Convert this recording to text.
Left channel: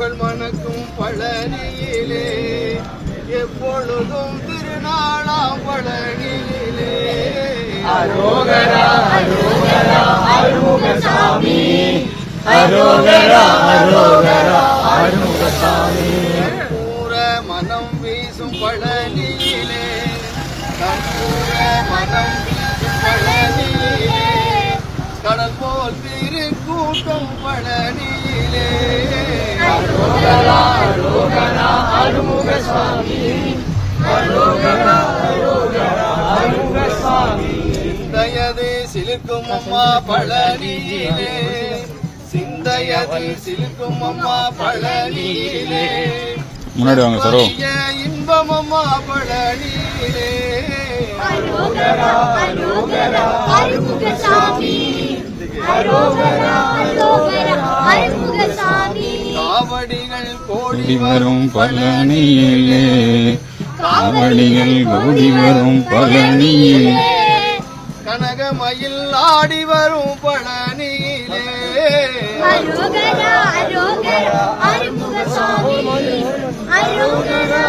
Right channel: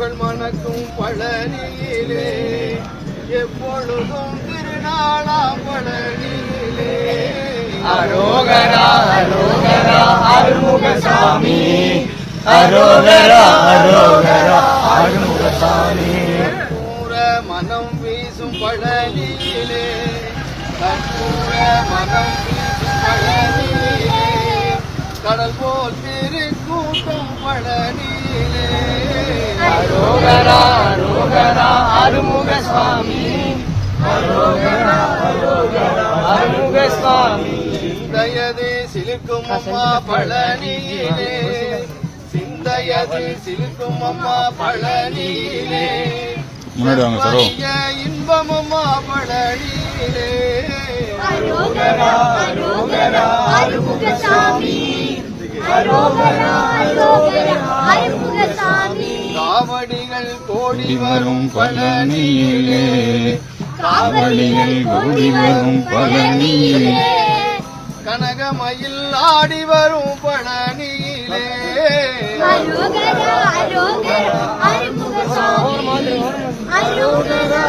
புகழ் மணக்கும் பழனியிலே எப்பொழுதும் திருநாளாம் பழனியிலே அரோகரா அரோகரா அருமுகசாமி அரோகரா அரோகரா அருமுகசாமி கற்பூர மனம் வீசும் பழனியிலே கற்பூர மனம் வீசும் பழனியிலே கடல் போல் திருக்கூட்டம் பழனியிலே அரோகரா அரோகரா அருமுகசாமி அரோகரா அரோகரா அருமுகசாமி சிந்தையது சிலுக்கும் அம்மா பழனியிலே சிந்தையது சிலுக்கும் அம்மா பழனியிலே இன்பம் அம்மா பழனியிலே அரோகரா அரோகரா அருமுகசாமி அரோகரா அரோகரா அருமுகசாமி காவடிகள் கோடி வரும் பழனியிலே காவடிகள் கோடி வரும் பழனியிலே கனகமயில் ஆடி வரும் பழனியிலே அரோகரா அரோகரா அருமுகசாமி அரோகரா